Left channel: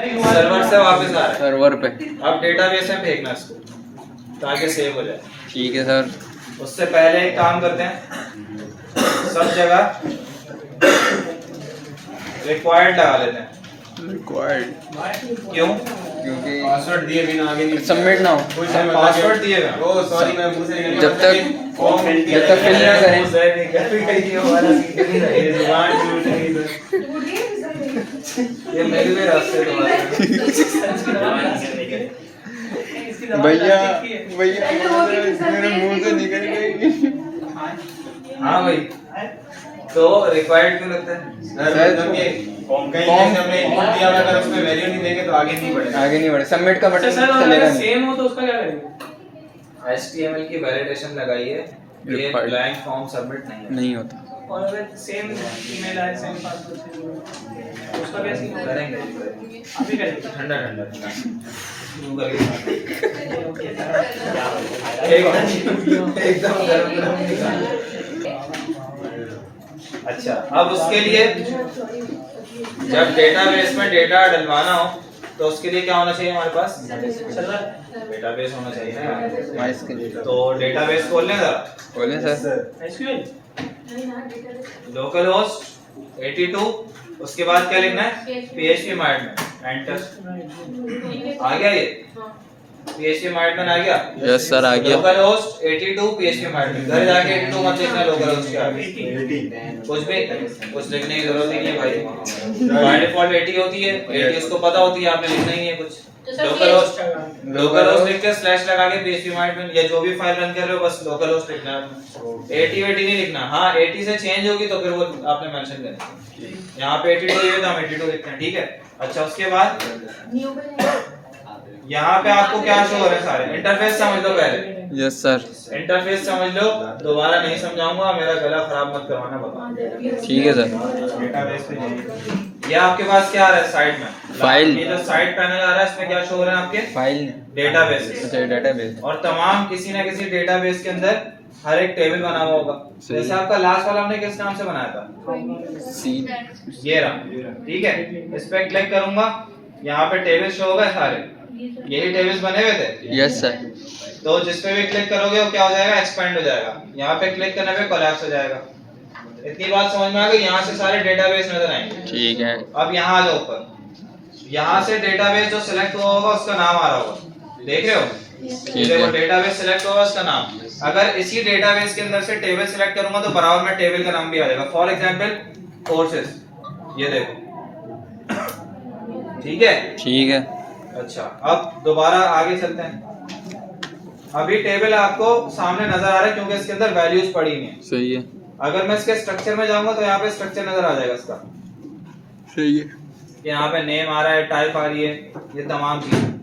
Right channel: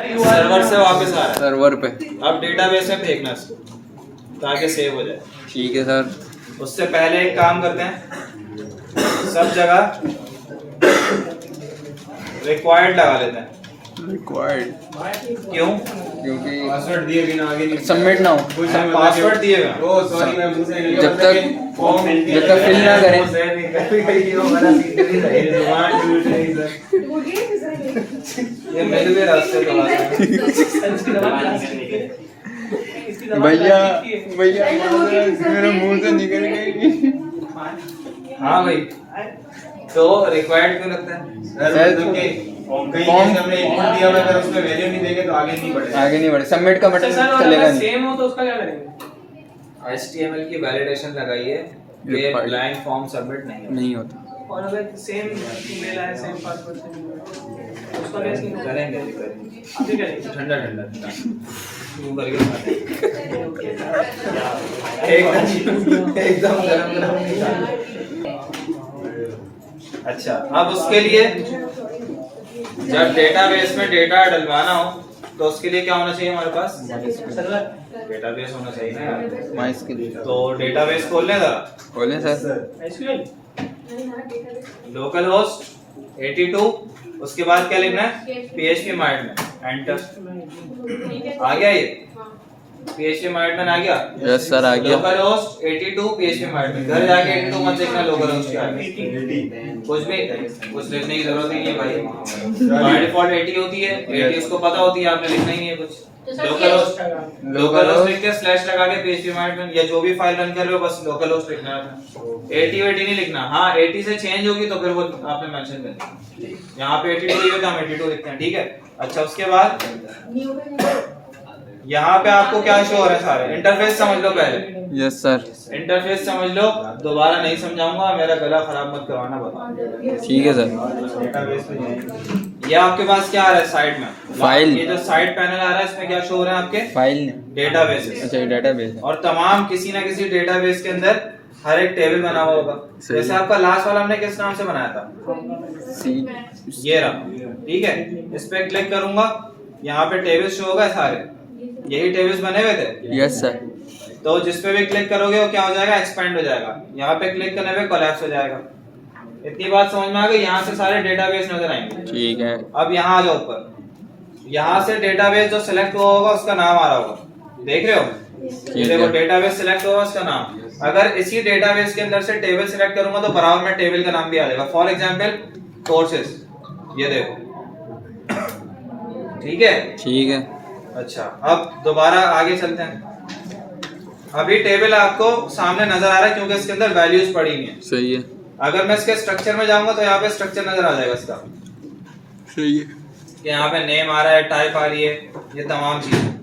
Server से वापस आ रहा है सर्वर पे। अब डेटाबेस में फेंकना इसको ताकि सेव हो जाए। ठीक है सर। उससे पहले एक काम करते हैं, सब जगह रिक्वायर्ड लगा लेते हैं। रिक्वायर्ड क्यों? क्योंकि पासवर्ड दिए बिना आगे नहीं सबमिट ना हो। पासवर्ड दिएगा ओ सॉरी मैं मुंह से निकल जब तक फिल ना करें। ये जुबान टूट रही सर। ये मेरे भी रास्ते तो भैया भैया मेरे मुंह से निकल गई। हाँ भाई, तो रिक्वायर्ड क्यों लगता है? सर फॉर्म कहीं जैसे हमने इनपुट दिया और अगर उसमें वैल्यू नहीं देंगे तो आगे नहीं बढ़ेगा। आगे नहीं बढ़े। सबमिट का बटन चलेगा नहीं। सेम हो तो उसका क्या करेंगे? HTML की वैलिडेशन लगाइए, ये ब्लैंक फॉर्म सबमिट नहीं होता। और अगर सेम ईमेल है, सेम पासवर्ड, उसका कैसे करेंगे। अभी करेंगे? ठंडा ठंडा शुरू करके एकदम गरम गरम निकाल। अच्छा, अब उसके लिए जब डेटाबेस में डेटा डलवाना हो तो उसके लिए क्या होना चाहिए हमारे पास? डेटाबेस होना चाहिए ना। MySQL तो डेटाबेस खोल लें जरा। खोलें सर। एसक्यूएल लोकल होस्ट 82, उसके बाद क्या लिखना है? PHP माइडमैन, enter. आ गया ये PHP माइडमैन आ गया? यस सर आ गया। Local host 82 PHP माइडमैन। घर जाके 82 मत लिखना, लोकल होस्ट क्या है कुछ लिखने की जरूरत नहीं है भाई। बाय डिफॉल्ट 80 होती है, 80 उसको पता होती है, आपने लिखना ही है कुछ। लोकल होस्ट लिख के स्लैश लगा के PHP माइडमैन या जो भी फाइल रन कर रहे हो बस लोकल होस्ट लिखना है। 80 नहीं लिखना। हाँ 80 से चेंज होगी तो फिर वो आपने मेंशन करना है। यहाँ पे 82 लिखे तो हम 82 लिखते हैं, ठीक है। अच्छा, उसके बाद यहाँ पे आपको क्या शो हो रहा है? सारे इंटरफेस समझ लो पहले। Yes sir. इंटरफेस समझ लो, दोबारा नहीं समझाऊंगा, मेरा गला खराब मत करवाना बाबा। ठीक है सर। डेटाबेस पे ये आपके पास क्या आ रहा है साइड में? फाइल। ये जो साइड पैनल आ रहा है इसमें क्या शो हो रहा है आपके? फाइल। डेटाबेस। अच्छा डेटाबेस। और तमाम किसी ना किसी डेटाबेस के अंदर हर एक टेबल बना हुआ होगा। जैसे आपका लास्ट वाला हमने किस नाम से बनाया था? सी। ये रहा, ठीक है। इस पे क्लिक करूंगा, यहाँ पे टेबल शो होगा सारे, यही टेबल्स बने हुए थे। Yes sir. तो जिस पे भी क्लिक करोगे वो क्या हो जाएगा? एक्सपेंड हो जाएगा। यहाँ पे क्लिक करने पे कोलैप्स हो जाएगा। इतनी बात समझ में आ गई? यहाँ से सारे डेटाबेस नजर आएंगे। ठीक है। अब यहाँ आ जाओ ऊपर। यहाँ से डेटाबेस जो सिलेक्ट हुआ होगा उसका नाम आ रहा होगा, देख रहे हो? ठीक है। डेटाबेस सिलेक्ट होगा उसका नाम। अगर इसी डेटाबेस के अंदर से टेबल सिलेक्ट करूंगा तो बराबर में टेबल का नाम भी आ जाएगा। फॉर एग्जांपल कोर्सेज, ये देखो, ठीक है। ठीक है। अच्छा, अब दोबारा आगे चलते हैं। अभी टेबल आपको सामने नजर आ रहा है क्योंकि इसके अंदर वैल्यूज पड़ी हुई हैं। सही है। अगर मैं इसके स्ट्रक्चर में जाऊंगा तो यहाँ पे स्ट्रक्चर नजर आ जाएगा इसका। सही है। यहाँ पे नेम आ रहा है, टाइप आ रही है, ये तमाम चीजें।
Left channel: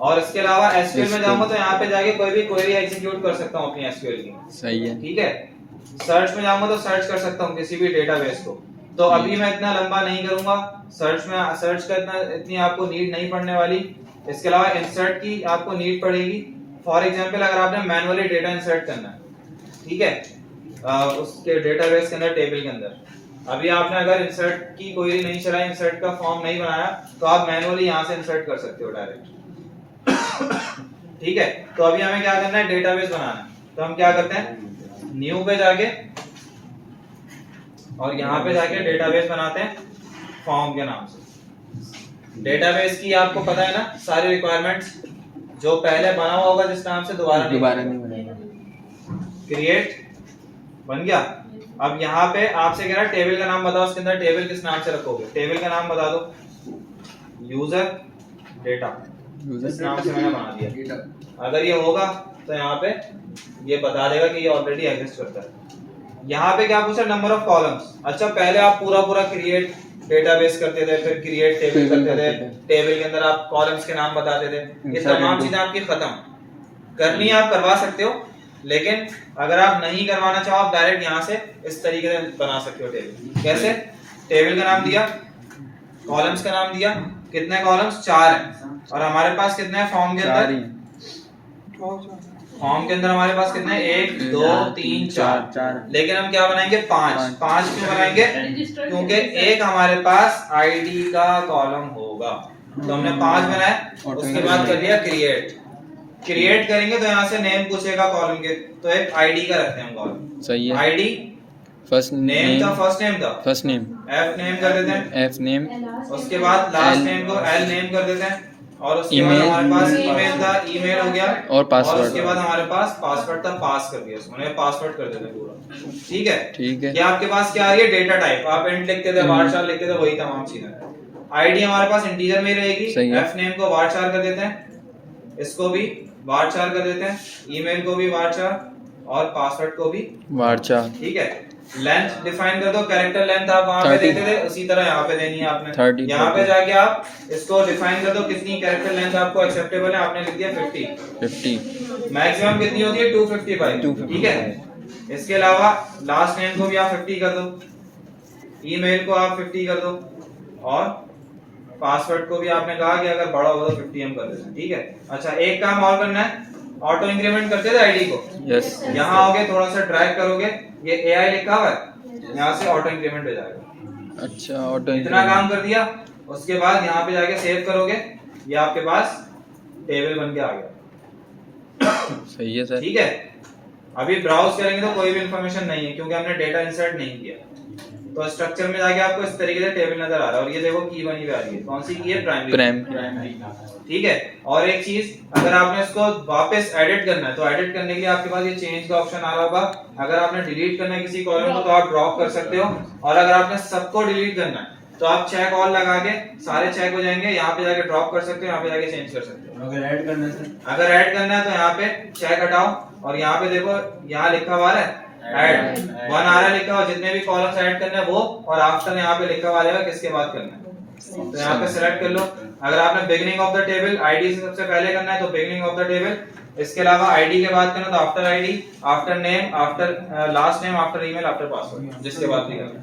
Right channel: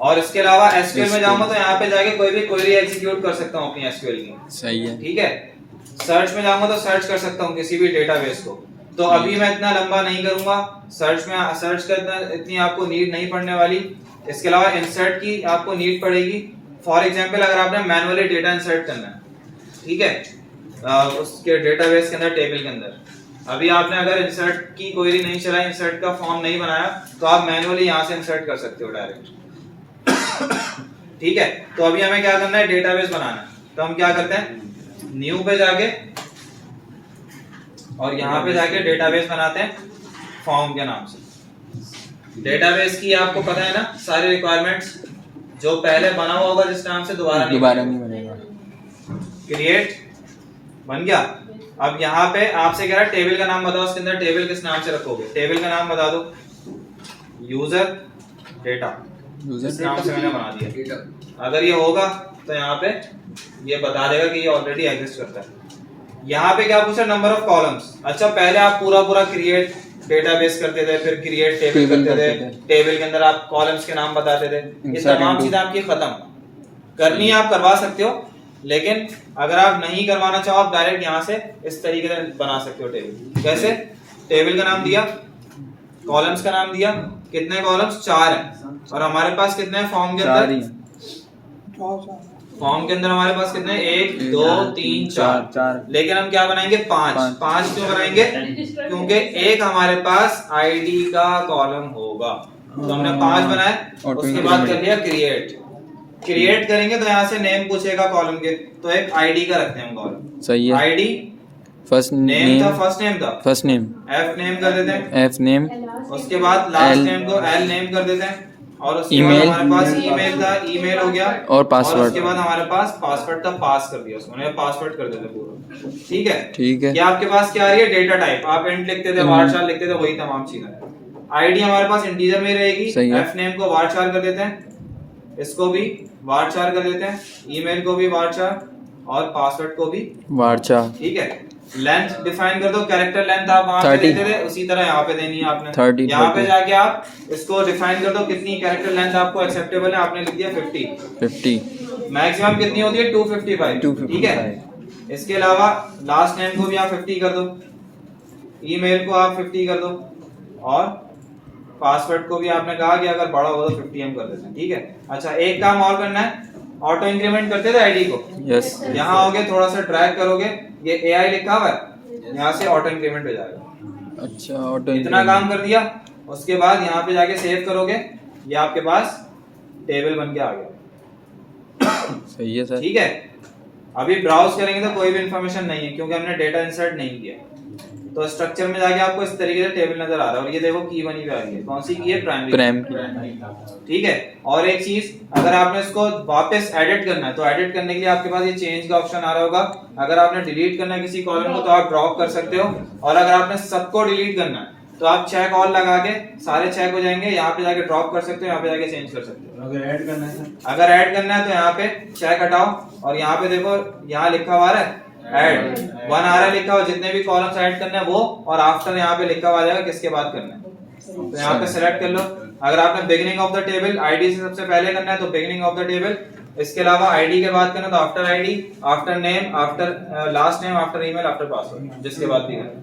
और इसके अलावा एसक्यूएल में जाऊंगा तो यहाँ पे जाके कोई भी क्वेरी एग्जीक्यूट कर सकता हूँ अपनी एसक्यूएल की। सही है। ठीक है। सर्च में जाऊंगा तो सर्च कर सकता हूँ किसी भी डेटाबेस को। तो अभी मैं इतना लंबा नहीं करूंगा। सर्च करना इतनी आपको नीड नहीं पड़ने वाली। इसके अलावा इंसर्ट की आपको नीड पड़ेगी। फॉर एग्जांपल अगर आपने मैनुअली डेटा इंसर्ट करना है, ठीक है, उसके डेटाबेस के अंदर, टेबल के अंदर, अभी आपने अगर इंसर्ट की क्वेरी नहीं चलाई, इंसर्ट का फॉर्म नहीं बनाया, तो आप मैनुअली यहाँ से इंसर्ट कर सकते हो डायरेक्ट। ठीक है। तो अभी हमें क्या करना है? डेटाबेस बनाना है। तो हम क्या करते हैं? न्यू पे जाके और यहाँ पे जाके डेटाबेस बनाते हैं फॉर्म के नाम से। डेटाबेस की आपको पता है ना सारे रिक्वायरमेंट्स, जो पहले बना हुआ होगा जिस नाम से दोबारा नहीं बनेगा। क्रिएट बन गया। अब यहाँ पे आपसे कह रहा है टेबल का नाम बताओ, उसके अंदर टेबल किस नाम से रखोगे? टेबल का नाम बता दो। यूजर डेटा, इस नाम से मैंने बना दिया। अगर ये होगा तो यहाँ पे ये बता देगा कि ये ऑलरेडी एग्जिस्ट करता है। यहाँ पे क्या पूछा? Number of columns. अच्छा, पहले आप पूरा क्रिएट डेटाबेस करते थे, फिर क्रिएट टेबल करते थे। टेबल के अंदर आप कॉलम्स के नाम बताते थे। ये तमाम चीजें आपकी खत्म करनी है। आप करवा सकते हो, लेकिन अगर आप नहीं करवाना चाहो, आप डायरेक्ट यहाँ से इस तरीके से बना सकते हो टेबल। कैसे? टेबल का नाम दिया, कॉलम्स का नाम दिया, कितने कॉलम्स? 4 हैं, और हमारे पास कितने हैं फॉर्म के अंदर? फॉर्म के अंदर हमारे पास कितने हैं? 1 2 3 4, लेकिन हम क्या बनाएंगे? 5 क्यों बनाएंगे? क्योंकि एक हमारे पास आईडी का कॉलम होगा, तो हमने 5 बनाए। उसके बाद कर लिया क्रिएट करेंगे तो यहाँ से नेम पूछेगा कॉलम के, तो एक आईडी का रखते हैं हम कॉलम। सही है। आईडी फर्स्ट नेम था, name first name F name कर देते हैं, एफ नेम, उसके बाद लास्ट L- नेम को एल नेम कर देते हैं, और उसके बाद ईमेल, हमारे पास ईमेल था, ईमेल हो गया, और पासवर्ड। उसके बाद हमारे पास पासवर्ड था, पास कर दिया उसने, पासवर्ड कर देते पूरा। ठीक है, ठीक है। ये आपके पास क्या आ रही है? Data type. आप इंट लिखते थे, वारचार लिखते थे, वही तमाम चीजें। आईडी हमारे पास इंटीजर में रहेगी, सही है। एफ नेम को वारचार कर देते हैं, इसको भी वारचार कर देते हैं, ईमेल को भी वारचार, और पासवर्ड को भी वारचार। ठीक है। लेंथ डिफाइन कर दो, कैरेक्टर लेंथ आप वहां पे 30 देते थे, उसी तरह यहाँ पे देनी है आपने। 30 यहाँ पे जाके आप इसको डिफाइन कर दो, कितनी कैरेक्टर लेंथ आपको एक्सेप्टेबल है, आपने लिख दिया 50। मैक्सिमम कितनी होती है? 255। ठीक है। इसके अलावा लास्ट नेम को भी आप 50 कर दो, ईमेल को आप 50 कर दो, और पासवर्ड को भी आपने कहा कि अगर बड़ा होगा तो 50 हम कर देते हैं। ठीक है। अच्छा, एक काम और करना है, ऑटो इंक्रीमेंट करते थे आईडी को। यस। यहाँ आओगे, थोड़ा सा ड्रैग करोगे, ये एआई लिखा हुआ है, यहाँ से ऑटो इंक्रीमेंट हो जाएगा। अच्छा, ऑटो इतना काम कर दिया। उसके बाद यहाँ पे जाके सेव करोगे, ये आपके पास टेबल बन के आ गया। सही है सर। ठीक है। अभी ब्राउज करेंगे तो कोई भी इंफॉर्मेशन नहीं है, क्योंकि हमने डेटा इंसर्ट नहीं किया। तो स्ट्रक्चर में जाके आपको इस तरीके से टेबल नजर आ रहा है, और ये देखो की बनी हुई आ रही है, कौन सी की है? प्राइमरी। ठीक है। और एक चीज, अगर आपने इसको वापस एडिट करना है, तो एडिट करने के लिए आपके पास ये चेंज का ऑप्शन आ रहा होगा। अगर आपने डिलीट करना है किसी कॉलम को, तो आप ड्रॉप कर सकते हो, और अगर आपने सबको डिलीट करना है तो आप चेक ऑल लगा के सारे चेक हो जाएंगे, यहाँ पे जाके ड्रॉप कर सकते हो, यहाँ पे जाके चेंज कर सकते हो। अगर ऐड करना है सर, अगर ऐड करना है तो यहाँ पे चेक हटाओ, और यहाँ पे देखो, यहाँ लिखा हुआ है ऐड 1 आ रहा है लिखा हुआ, जितने भी कॉलम्स ऐड करने हैं वो, और आफ्टर यहाँ पे लिखा हुआ रहेगा किसके बाद करना है। तो यहाँ पे सिलेक्ट कर लो। अगर आपने beginning of the table ID से सबसे पहले करना है तो बिगिनिंग ऑफ द टेबल, इसके अलावा आईडी के बाद करना तो after ID, after name, after last name, after email, after password, जिसके बाद भी करना।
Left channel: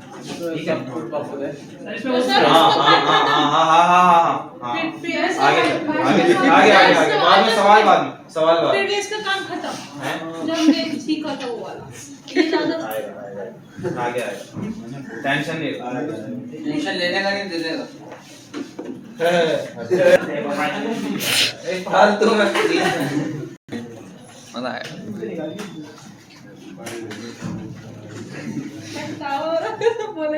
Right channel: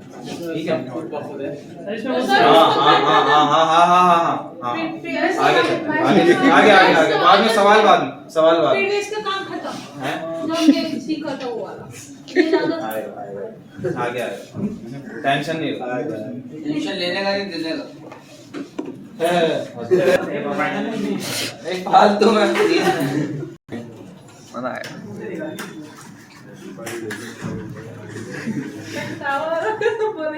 ठीक है। आगे बाद में सवाल, बाद में फिर इसका काम खत्म है। जो हमने सीखा था वो वाला, ये ज्यादा आगे टेंशन नहीं लो। टेंशन लेने का नहीं, दे देगा। फालतू में मजा आया। बोला